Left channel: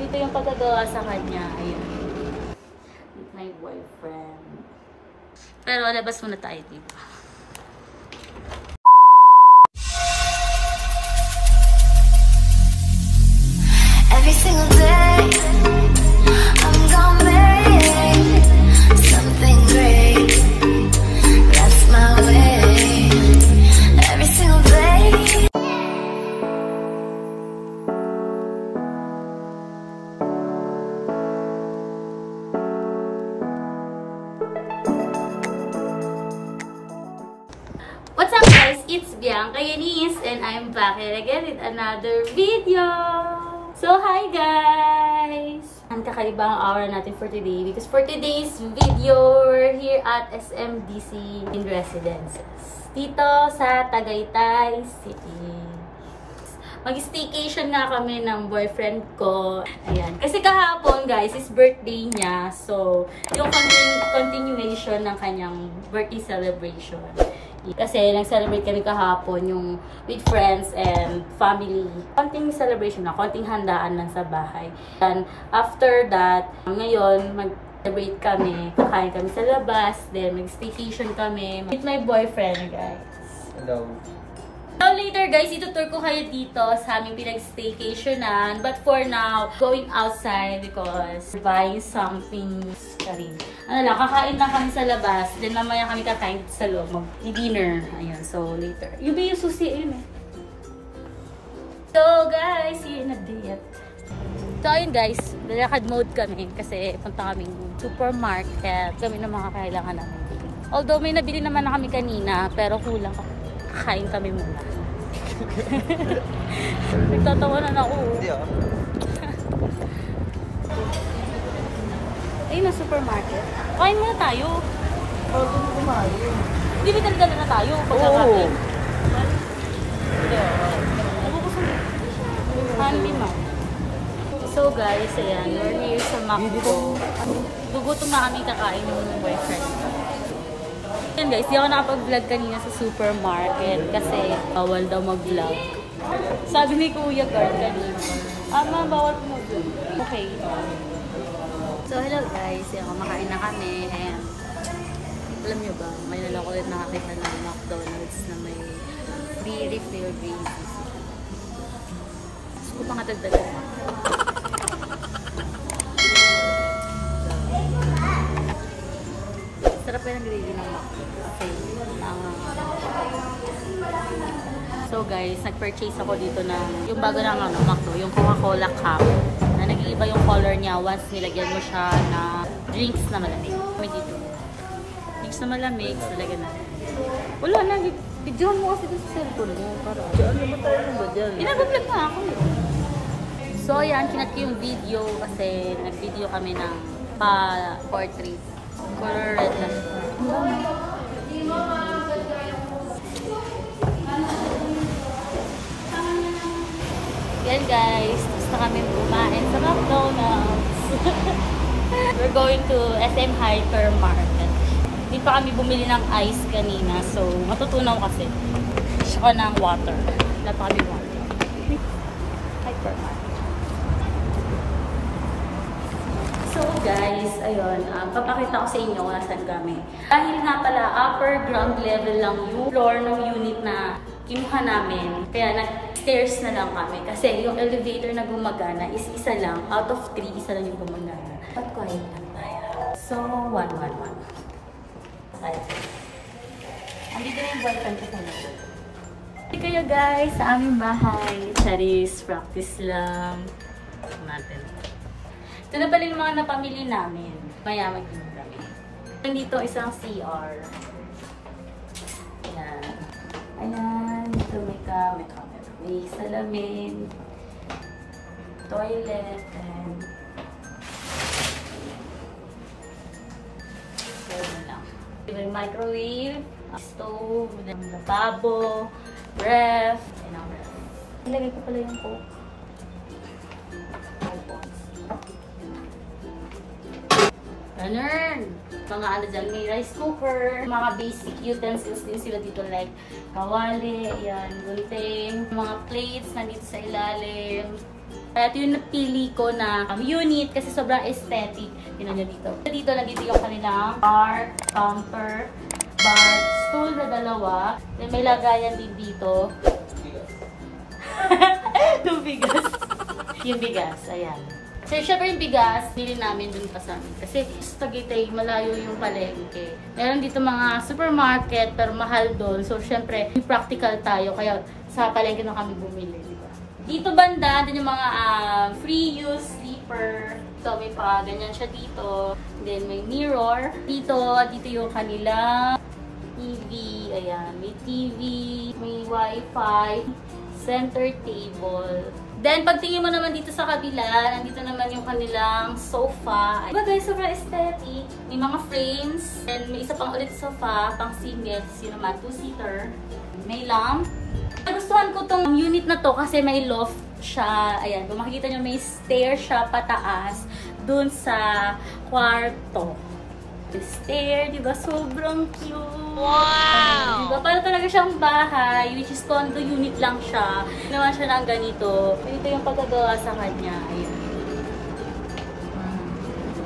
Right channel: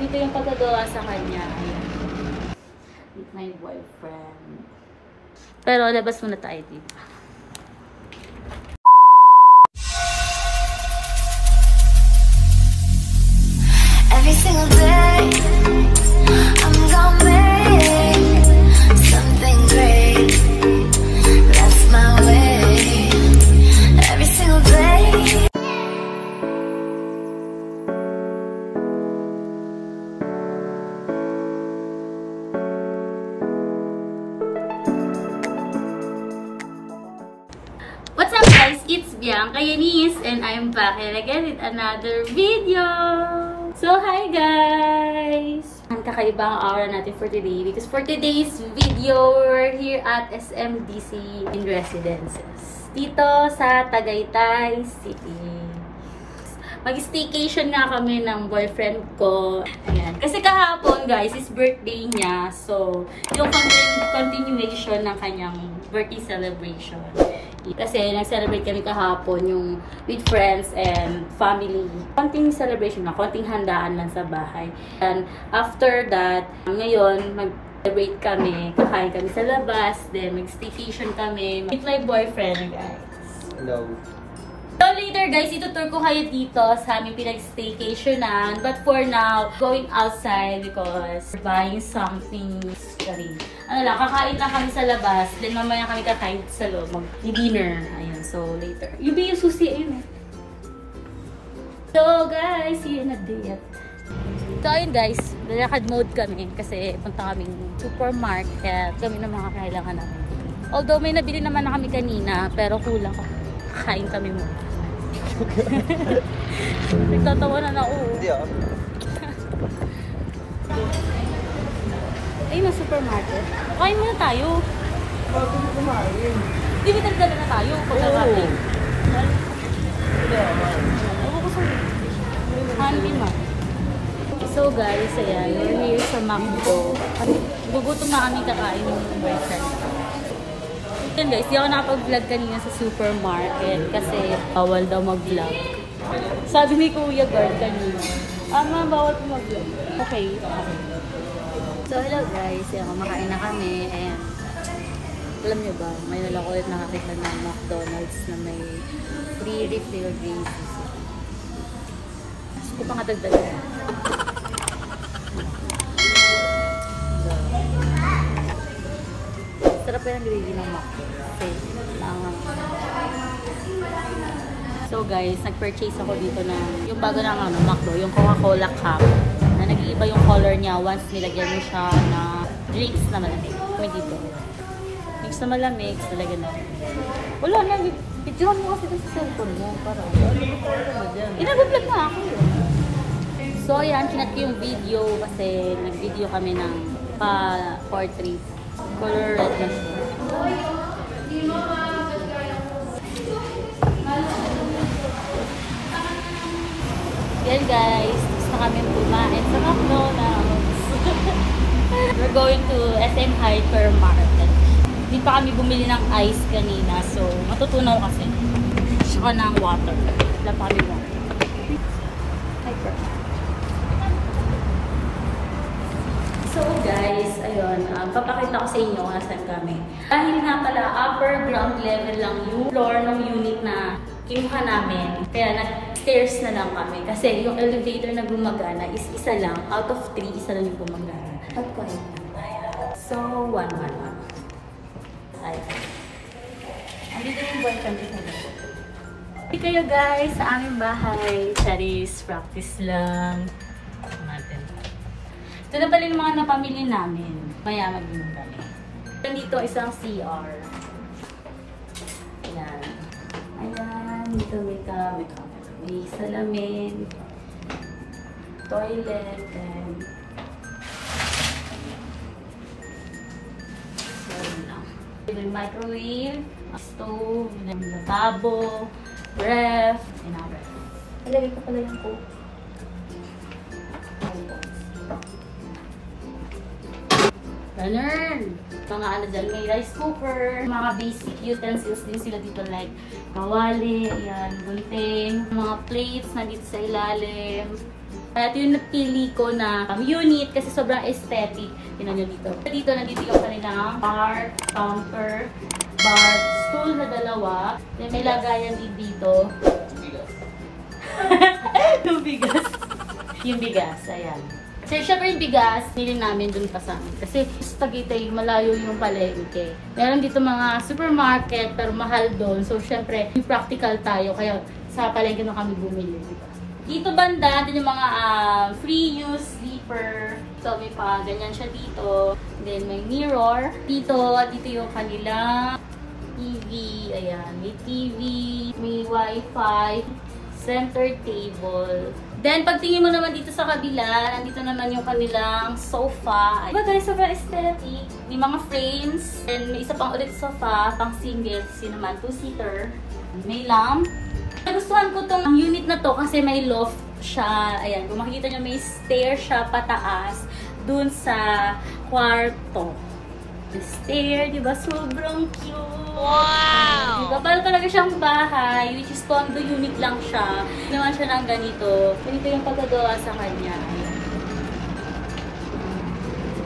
Ito yung pagkagawa sa kanya. Ayan. With my boyfriend. Pero labas muna tayo, diba? Every single day, I'm gonna make something great. That's my way. Every single day. What's up guys? It's Bianca Yanis and I'm back here again with another video. So hi guys! Ang kakaibang aura natin for today because for today's video, we're here at SMDC in Residences. Dito sa Tagaytay City. Mag-staycation nga kami ng boyfriend ko. Ayan. Kasi kahapon guys, is birthday niya. So, yung continuation ng kanyang birthday celebration. Kasi nag-celebrate kami kahapon yung with friends and family. Konting celebration na, konting handaan lang sa bahay. And after that, ngayon, mag-celebrate kami, kakain kami sa labas, then mag-staycation kami with my boyfriend, guys. Hello. So later guys, itutur ko kayo dito sa aming pinag-staycationan. But for now, going outside because buying something. Sorry. Ano lang, kakain lang kami sa labas. Then mamaya kami kakain dito sa loob. Mag-dinner. Ayun, so later. Yung susi, ayun eh. So guys, see you in a day. So ayun guys, lakad mode kami kasi punta kaming supermarket. Kami ng mga kailangan namin. Although may nabili naman na kami kanina, pero kulang kami. Kain kami muna. Nagtatawanan ako. Hindi ah. Ayun na supermarket. Kain muna tayo. Bago na kumain. Hindi ba talaga na tayo? Oo. Handy ma. So guys, ayan. We're here sa McDo. Gugutom na kami kakain ng boyfriend ko. Yan guys, di ako nakapag-vlog kanina sa supermarket kasi bawal daw mag-vlog. Sabi ni Kuya Guard kanina, ma'am, bawal po mag-vlog. Okay. So hello guys, yan, kumakain na kami and alam nyo ba, may nalako ulit nakakita ng McDonald's na may free refill gravy. Gusto ko pang katagdagan. Sarap yung gravy ng McDo. Okay. So guys, nag-purchase ako dito ng yung bago ng McDo, yung Coca-Cola cup na nag-iiba yung color niya once nilagyan mo siya na drinks na malamig. May dito. Drinks na malamig, so lagyan natin. Wala na, videohan mo kasi sa cellphone mo para nag-vlog na ako yun. So ayan, kinat ko yung video kasi nag-video kami ng portrait. Color red na siya. Yan guys, tapos na kami kumain sa McDonald's. We're going to SM Hypermarket. Hindi pa kami bumili ng ice kanina, so matutunaw kasi. Saka ng water. Wala pa kami water. Hypermarket. So guys, ayun, papakita ko sa inyo kung nasan kami. Dahil nga pala, upper ground level lang yung floor ng unit na kinuha namin. Kaya nag-stairs na lang kami. Kasi yung elevator na gumagana is isa lang. Out of 3, isa lang yung gumagana. But quiet lang tayo. So, 1. Ayun. Andito na yung boyfriend ko na. Hindi kayo guys, sa aming bahay. Charis, practice lang. Natin. Ito na pala yung mga napamili namin. Maya mag-inom kami. Dito isang CR. Ayan. Ayan. Dito may salamin. Toilet. And so, yun lang. May microwave. Stove. Lababo. Ref. And our ref. Ilagay ko pala yung coke. Ganun. Mga ano dyan, may rice cooker, mga basic utensils din sila dito like kawali, ayan, gunting, mga plates nandito sa ilalim, Kaya ito yung napili ko na unit kasi sobrang aesthetic. Tingnan nyo dito. Dito, nandito yung kanilang bar, counter, bar, stool na dalawa. Then may lagayan din dito. Yung bigas. Yung bigas, ayan. So, syempre yung bigas, pili namin dun pa sa amin. Kasi sa Tagaytay, malayo yung palengke. Meron dito mga supermarket, pero mahal doon. So, syempre, practical tayo. Kaya sa palengke na kami bumili, di ba? Dito banda, din yung mga free use sleeper. So, may pa ganyan siya dito. Then, may mirror. Dito yung kanila TV. Ayan, may TV, may wifi, center table. Then, pagtingin mo naman dito sa kabila, nandito naman yung kanilang sofa. Diba guys, sobrang aesthetic. May mga frames. And may isa pang ulit sofa, pang single. Yun naman, 2-seater. May lamp. Nagustuhan ko tong unit na to kasi may loft siya. Ayan, kung makikita nyo, may stair siya pataas dun sa kwarto. Stair, diba? Sobrang cute. Wow! Diba? Para talaga siyang bahay, which is condo unit lang siya. Ginawa siya ng ganito. Ganito yung pagkagawa sa kanya. Ayan.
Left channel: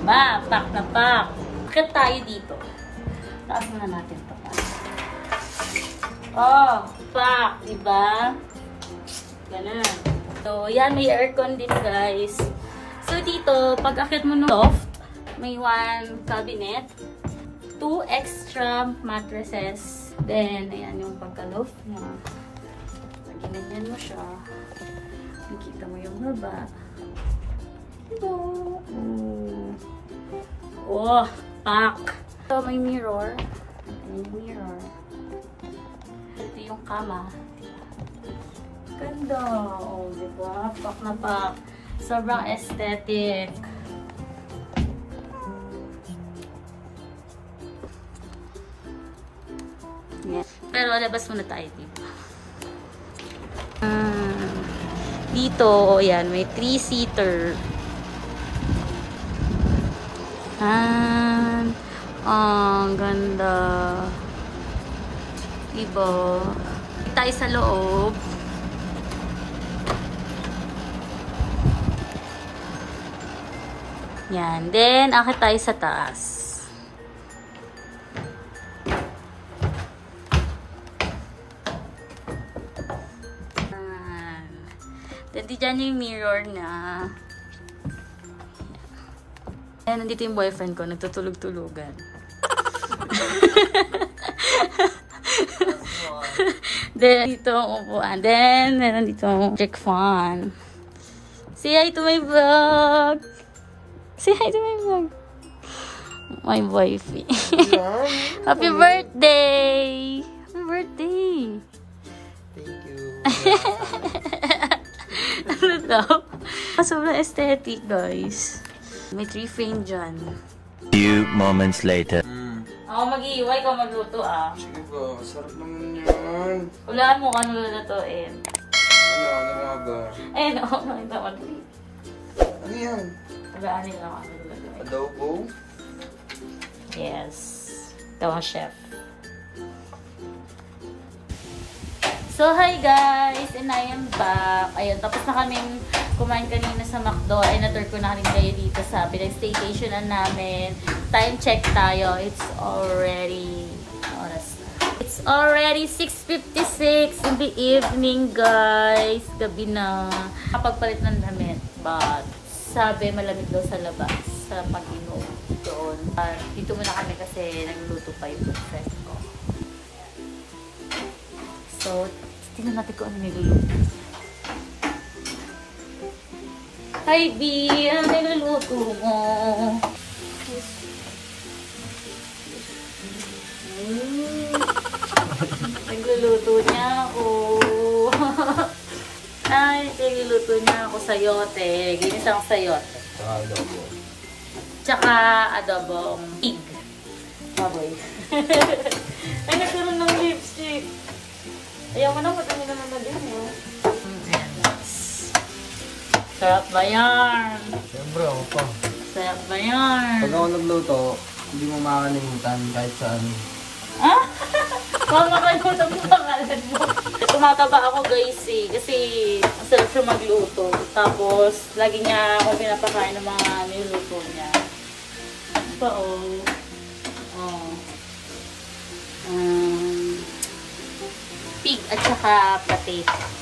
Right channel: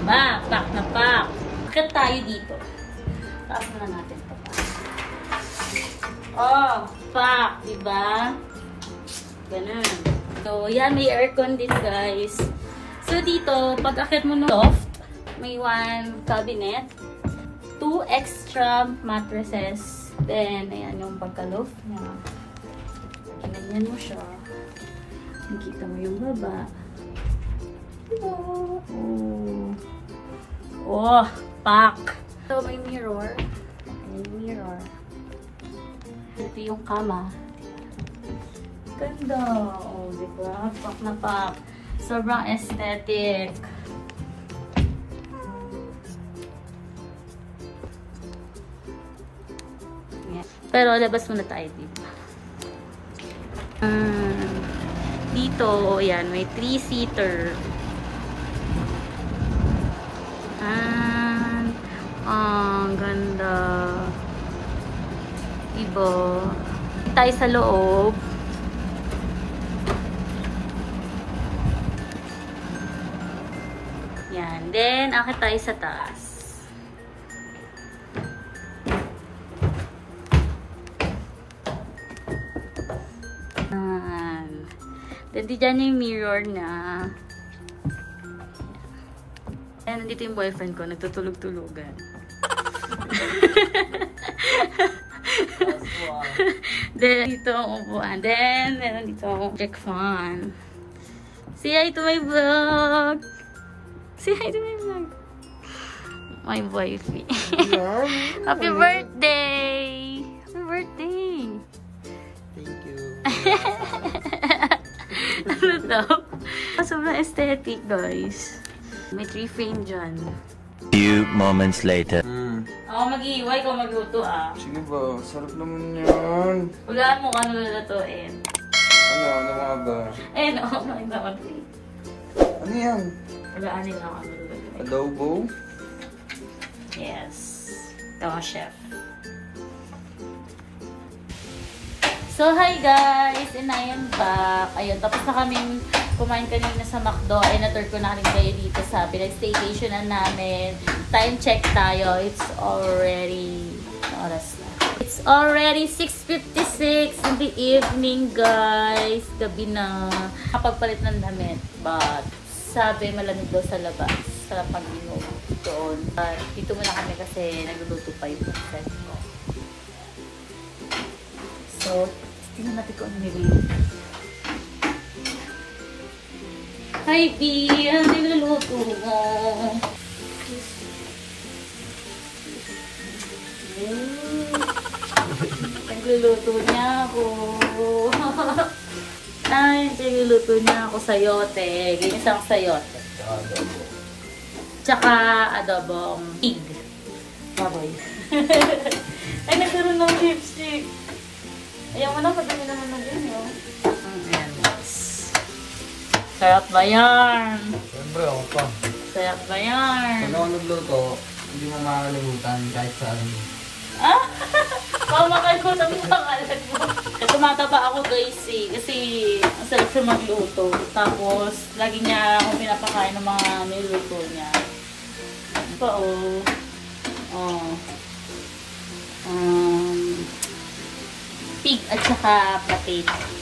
Diba? Pack na pack. Bakit tayo dito? Taas muna natin ito. Oh, pack. Diba? Ganun. So, yan. May aircon din, guys. So, dito, pag akit mo ng loft, may 1 cabinet, 2 extra mattresses, then, ayan yung pagka-loft niya. Ginanyan mo siya. Nakita mo yung baba. Hello! Oh, pack! So, may mirror. Ayan yung mirror. Ito yung kama. Ganda! Oh, diba? Pack na pack. Sobrang aesthetic. Pero labas muna tayo dito. Dito, yan, may 3-seater. Ang ganda. Diba? Tayo sa loob. Yan. Then, akit tayo sa taas. Then, dyan yung mirror na. Ayan, nandito yung boyfriend ko. Nagtutulog-tulugan. Then, dito ang upuan. Then, meron dito yung magic fan. Say hi to my vlog! Say hi to my vlog! My wifey. Happy birthday! Happy birthday! Thank you. Ano daw? Sobrang aesthetic, guys. May 3 frame dyan. Few moments later. Ako mag-iiway, ikaw magluto Sige ba, sarap naman yan. Hulaan mo ano lulutuin. Ano nga ba? Ayun, ako nakita ko. Ano yan? Hulaan nila ako ano lulutuin. Adobo? Yes. Ito ang chef. So, hi guys! And I am back. Ayun, tapos na kaming kumain kanina sa McDo. Ay, na-tour ko na rin kayo dito sa pinag-staycationan namin. Time check tayo. It's already... oras na. It's already 6:56 in the evening, guys. Gabi na. Kapagpalit ng damit. But, sabi malamig daw sa labas. Sa pag-inom doon. But, dito muna kami kasi nagluluto pa yung breakfast ko. So, tingnan natin kung ano niluluto. Hi, D! Ano niluluto mo? Nagluluto niya ako. Ay, nagluluto niya ako sayote. Ginisang sayote. Adobo. Tsaka adobong pig. Baboy. Ay, nagkaroon ng lipstick. Ayaw mo na, madami naman na din yun. Sarap ba yan? Siyempre, ako pa. Sarap ba yan? Pag ako nagluto, hindi mo makakalimutan kahit saan. Ah? Baka makalimutan yung pangalan mo. tumataba ako guys eh. Kasi masarap siya magluto. Tapos, lagi niya ako pinapakain ng mga niluto niya. Ano pa oh. Pig at saka potato.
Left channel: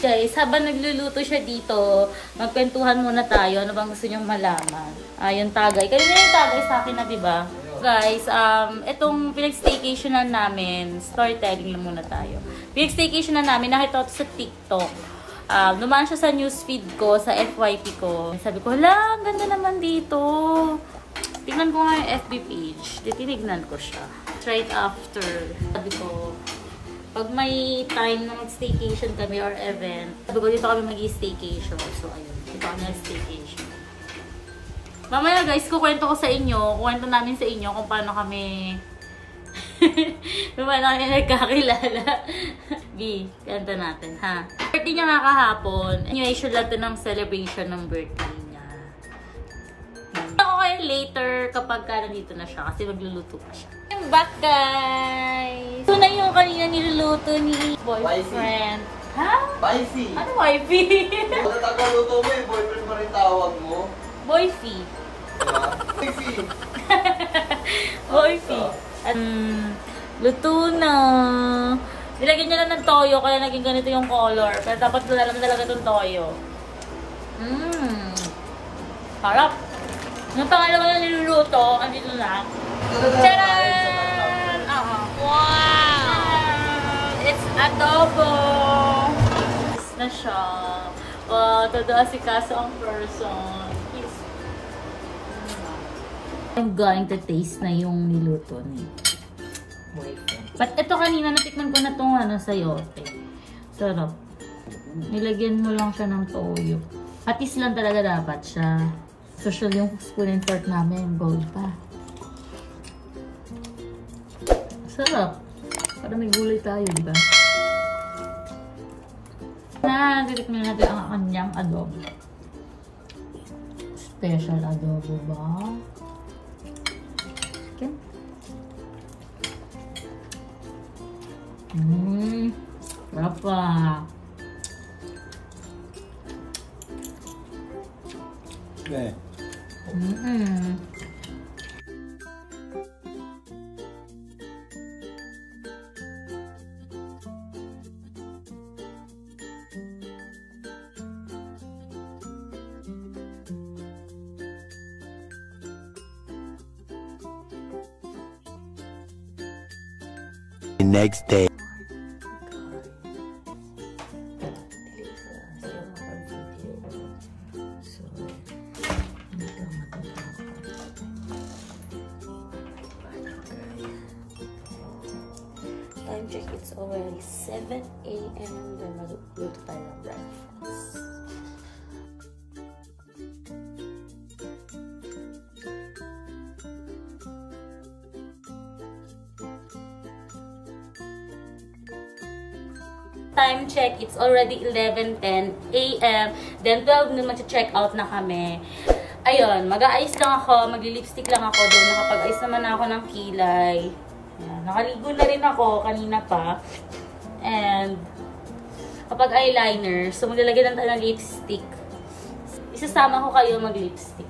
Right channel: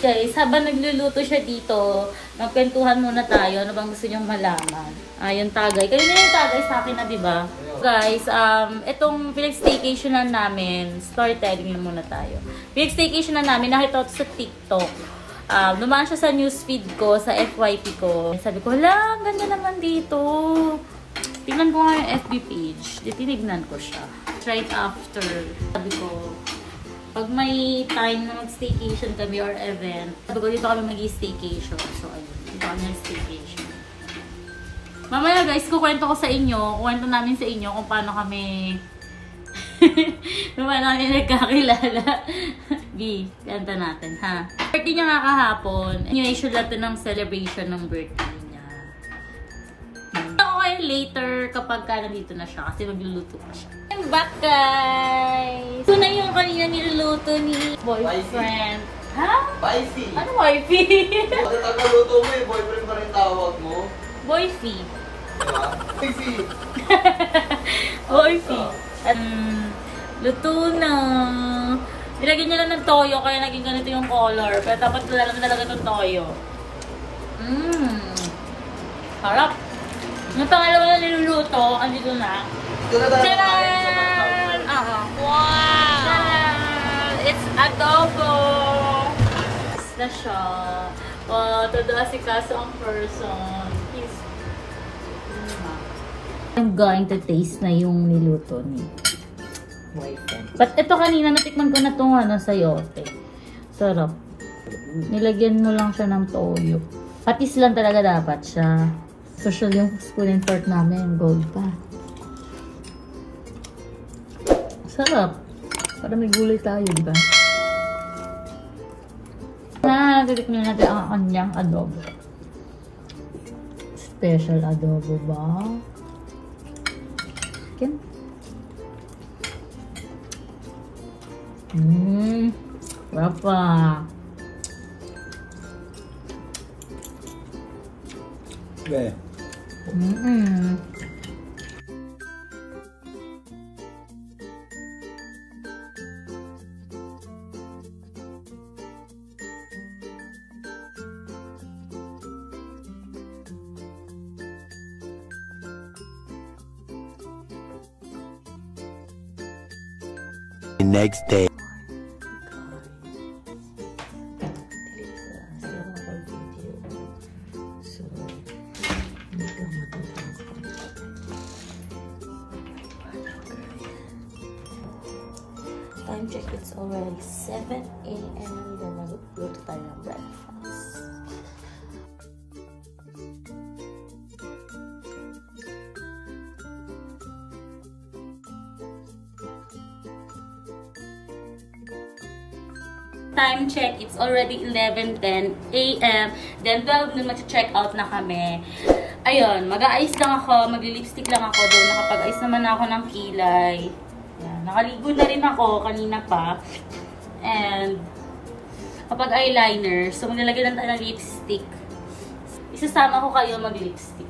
Guys, habang nagluluto siya dito, magkwentuhan muna tayo. Ano bang gusto niyong malaman? Yung tagay. Kanina yung tagay sa akin na, diba? Guys, itong pinag-staycationan namin, storytelling lang muna tayo. Pinag-staycationan namin, nakita ko sa TikTok. Dumaan siya sa newsfeed ko, sa FYP ko. Sabi ko, hala, ang ganda naman dito. Tingnan ko nga yung FB page. Tinignan ko siya. Right after, sabi ko, pag may time na mag-staycation kami or event, sabi ko, dito kami mag-staycation. So, ayun. Dito kami mag-staycation. Mamaya guys, kukwento ko sa inyo, kukwento namin sa inyo kung paano kami nagkakilala. B, kanta natin, ha? Birthday niya nga kahapon. Anyway, lang ng celebration ng birthday niya. Ako kayo later kapag nandito na siya kasi magluluto pa siya. I'm back guys! Ito na yung kanina niluluto ni boyfriend. Ha? Spicy! Ano wifey? Kung tagaluto mo eh, boyfriend pa rin tawag mo. Boyfie. Spicy! Boyfie. Luto na. Nilagyan niya lang ng toyo kaya naging ganito yung color. Pero dapat wala lang talaga itong toyo. Harap. Yung pangalawa na niluluto, andito na. Tcharan! Wow! It's adobo! It's na siya. Totoo si Kaso ang person. I'm going to taste na yung niluto ni boyfriend. But ito kanina, natikman ko na itong sayote. Sarap. Nilagyan mo lang siya ng toyo. Patis lang talaga dapat siya. Social yung spoon and fork namin. Gold pa. Sarap. Para may gulay tayo, di ba? Titikman natin ang kanyang adobo. Special adobo ba? Chicken. Rapa. Be. The next day. Time check, it's already 7 AM. Then magluto tayo ng breakfast. Time check, it's already 11:10 AM. Then 12 noon mag-check out na kami. Ayun, mag-aayos lang ako, magli-lipstick lang ako doon. Nakapag-ayos naman ako ng kilay. Ayan, nakaligo na rin ako kanina pa. And kapag eyeliner, so maglalagay lang tayo ng lipstick. Isasama ko kayo mag-lipstick.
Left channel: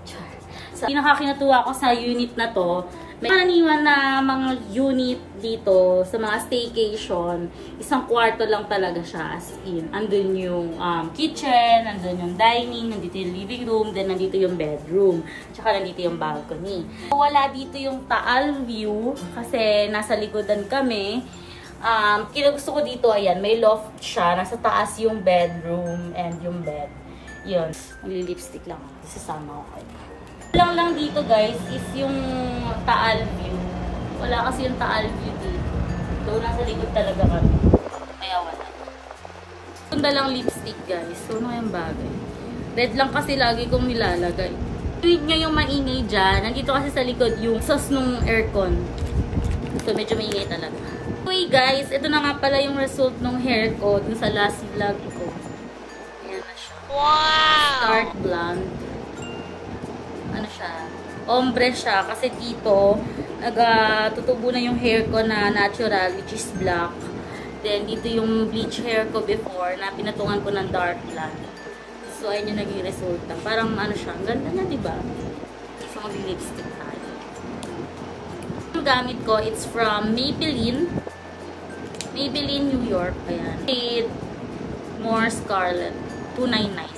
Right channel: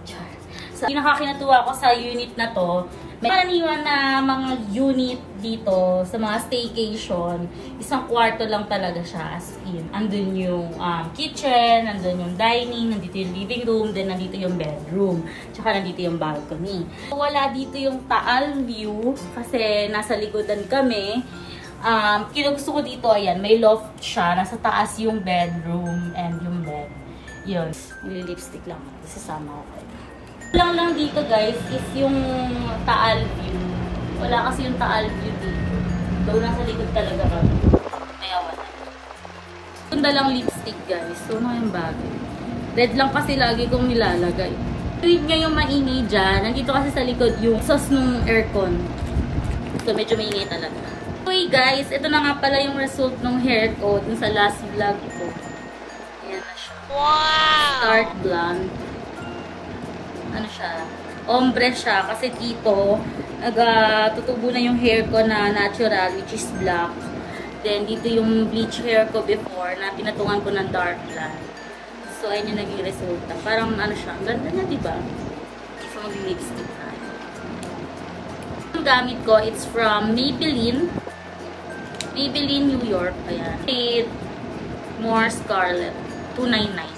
So, pinakakinatuwa ko sa unit na to, may karaniwan na mga unit dito sa mga staycation, isang kwarto lang talaga siya as in. Andun yung kitchen, andun yung dining, nandito yung living room, then nandito yung bedroom, tsaka nandito yung balcony. Wala dito yung Taal view kasi nasa likodan kami. Kinugusto ko dito, ayan, may loft siya, nasa taas yung bedroom and yung bed. Yun, mag-lipstick lang, isasama ko kayo. Lang dito guys is yung Taal view. Wala kasi yung Taal view dito. Doon nasa likod talaga kami. Kaya wala. Ganda lang lipstick guys. So ano yung bagay. Red lang kasi lagi kong nilalagay. Tuwid nga yung maingay dyan. Nandito kasi sa likod yung sauce nung aircon. So medyo maingay talaga. Okay guys, ito na nga pala yung result ng hair ko dun sa last vlog ko. Ayan na siya. Wow! Start blonde. Ano siya, ombre siya kasi dito tutubo na yung hair ko na natural which is black Then, dito yung bleach hair ko before na pinatungan ko ng dark blonde. So, ayun yung naging resulta. Parang ano siya, ang ganda na, diba? So, mag-lipstick tayo. Yung gamit ko, it's from Maybelline. Maybelline New York. Ayan. Shade More Scarlet. $2.99.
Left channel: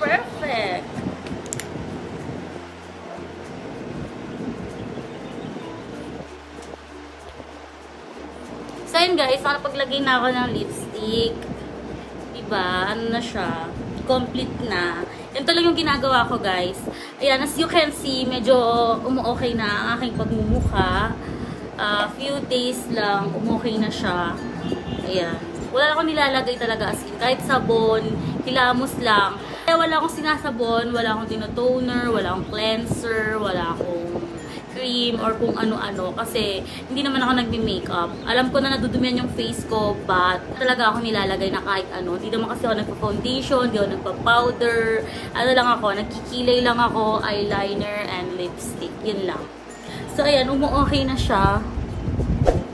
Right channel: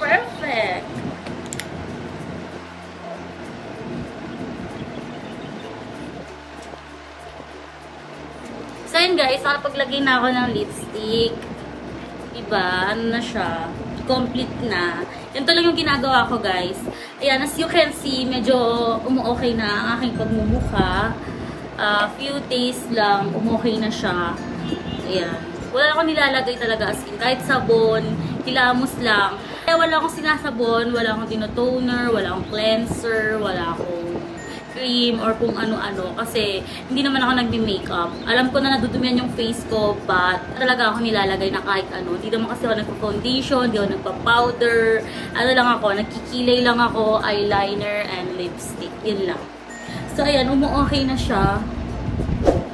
Perfect! So yun guys, nakapaglagay na ako ng lipstick. Diba? Ano na siya? Complete na. Yan talaga yung ginagawa ko guys. Ayan, as you can see, medyo umu-okay na ang aking pagmumukha. Few days lang, umu-okay na siya. Ayan. Wala akong nilalagay talaga as in. Kahit sabon, hilamos lang. Kaya wala akong sinasabon, wala akong tinotoner, wala akong cleanser, wala akong cream, or kung ano-ano. Kasi hindi naman ako nagme-makeup. Alam ko na nadudumihan yung face ko, but talaga ako nilalagay na kahit ano. Hindi naman kasi ako nagpa-foundation, hindi ako nagpa-powder. Ano lang ako, nagkikilay lang ako, eyeliner and lipstick. Yun lang. So ayan, umu-okay na siya.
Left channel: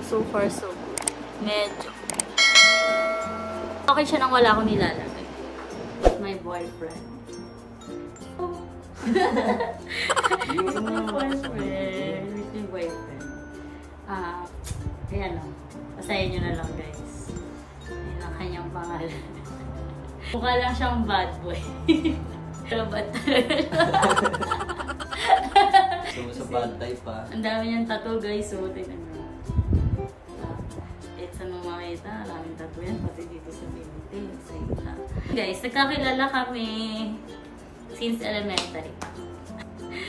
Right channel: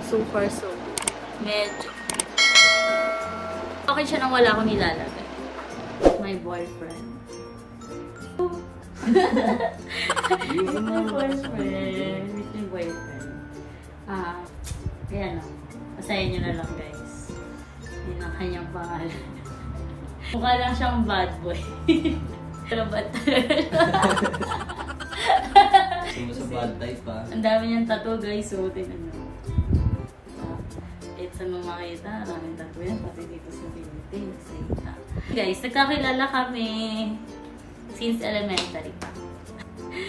So far so good. Medyo. Okay siya nang wala akong nilalagay. My boyfriend. With my boyfriend. With my boyfriend. Ayan o. Pasayin nyo na lang guys. Yun ang kanyang pangalan. Mukha lang siyang bad boy. Pero bad talaga. Sa bad type pa. Ang dami niyang tattoo guys. So, tignan nyo. Saan mo makita, maraming tattoo yan, pati dito sa binti, sa ita. Guys, nagkakilala kami since elementary pa.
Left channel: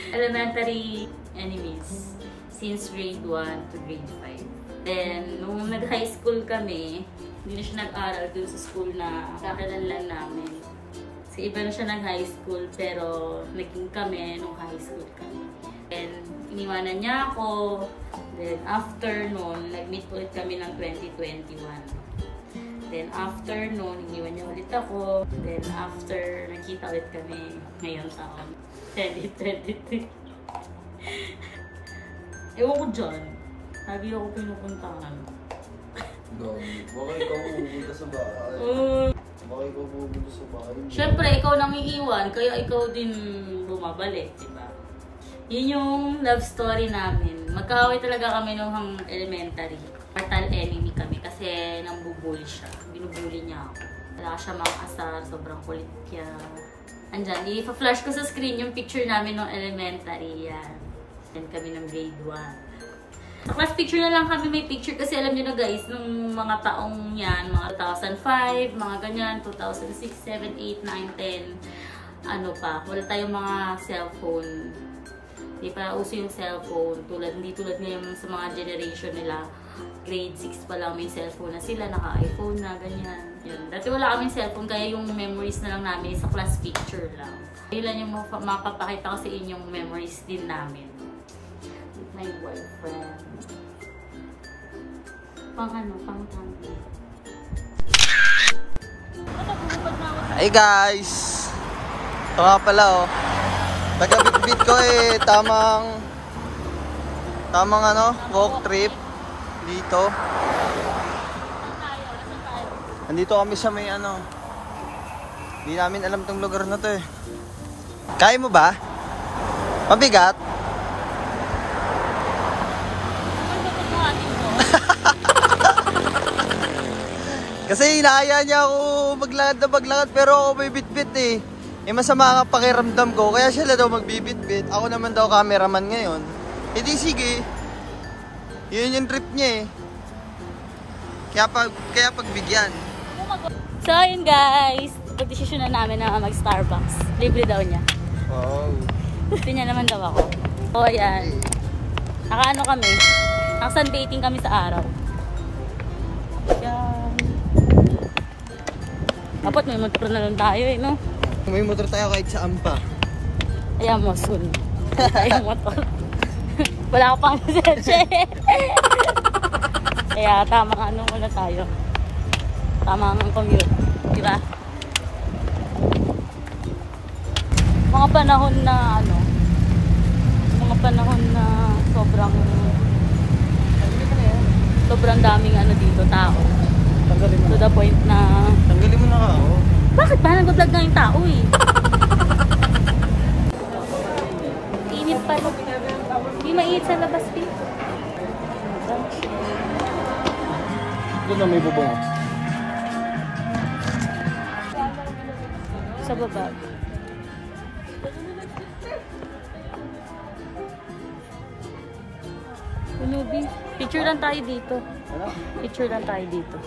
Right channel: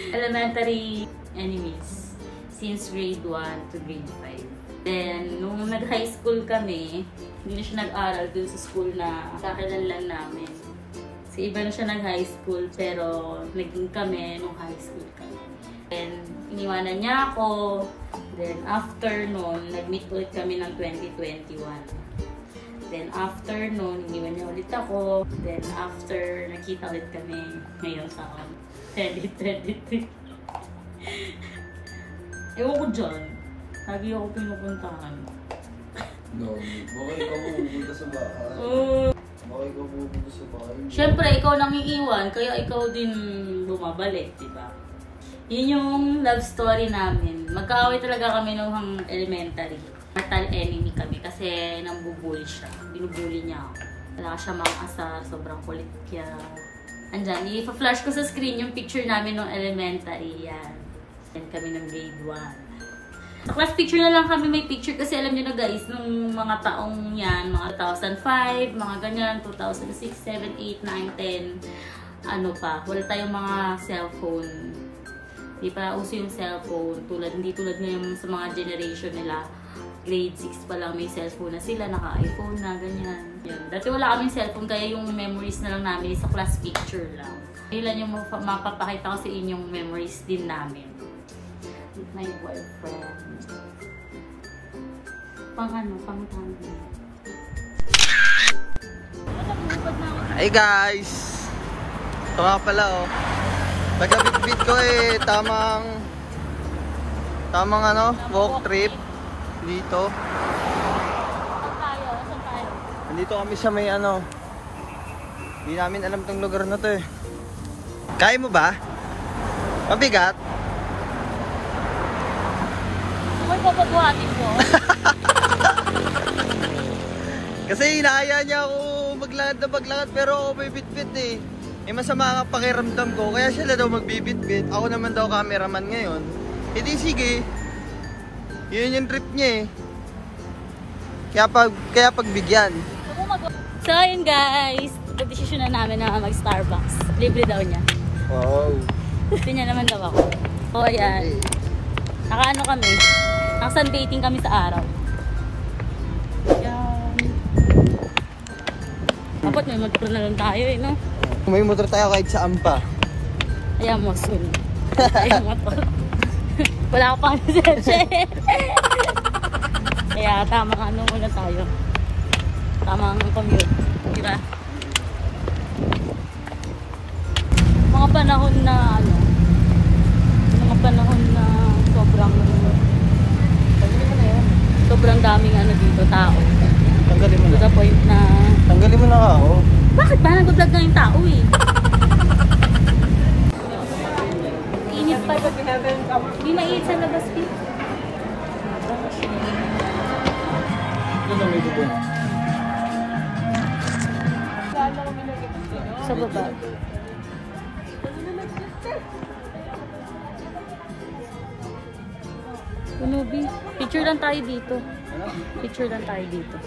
Elementary enemies. Since grade 1 to grade 5. Then, nung nag-high school kami, hindi na siya nag-aral dun sa school na kakilanlan namin. Kasi iba na siya nag-high school, pero naging kami nung high school kami. Then, iniwanan niya ako. Then, after nun, nag-meet ulit kami ng 2021. Then, after nun, iniwan niya ulit ako. Then, after, nakita ulit kami ngayong taon. 2023. Ewan ko dyan. Lagi ako pinupuntahan. No, baka ikaw pupunta sa bahay. Baka ikaw pupunta sa bahay. Siyempre, ikaw nang iiwan, kaya ikaw din bumabalik, diba? Yun yung love story namin. Magkaaway talaga kami nung elementary. Mortal enemy kami kasi nambubuli siya. Binubuli niya ako. Wala siya mang-asar, sobrang kulit niya. Andyan, i-flash ko sa screen yung picture namin nung elementary. Yan. Yan kami ng grade 1. Sa class picture na lang kami may picture kasi alam nyo na guys, nung mga taong yan, mga 2005, mga ganyan, 2006, 7, 8, 9, 10, ano pa, wala tayong mga cellphone. Hindi pa uso yung cellphone, hindi tulad ngayon sa mga generation nila. Grade 6 pa lang may cellphone na sila, naka-iPhone na, ganyan. Yan. Dati wala kaming cellphone, kaya yung memories na lang namin sa class picture lang. Ilan yung mapapakita ko sa inyong memories din namin. With my boyfriend. Pang tango. Hey guys! Ito nga pala oh. Taga-bitbit ko tamang walk trip dito. Nandito kami sa may hindi namin alam tong lugar na to eh. Kaya mo ba? Mabigat? May papabuhatin ko. Kasi inaaya niya ako maglakad pero ako may bitbit eh. Masama ang pakiramdam ko, kaya sila daw magbibitbit. Ako naman daw cameraman ngayon. E di sige. Yun yung trip niya eh. Kaya pagbigyan. So yun guys, decision na namin na mag-Starbucks. Libre daw niya. Wow. Gusto niya naman daw ako. O ayan. Naka-ano kami. Naka-sunbathing kami sa araw. Yan. Dapat may motor na lang tayo eh, no? May motor tayo kahit saan pa. Ayan mo, soon. Ayan motor. Wala ka pang lisensya. Kaya tama ka, ano muna tayo. Tamang commute. Diba? Mga panahon na ano, mga panahon na sobrang daming ano dito, tao. To the point na... Tanggalin mo na ako. Bakit ba? Nag-vlog ng tao eh. Init pa. Hindi mainit sa labas, P. Ito na may bubong. Sa baba. Unubi. Picture lang tayo dito. Picture lang tayo dito.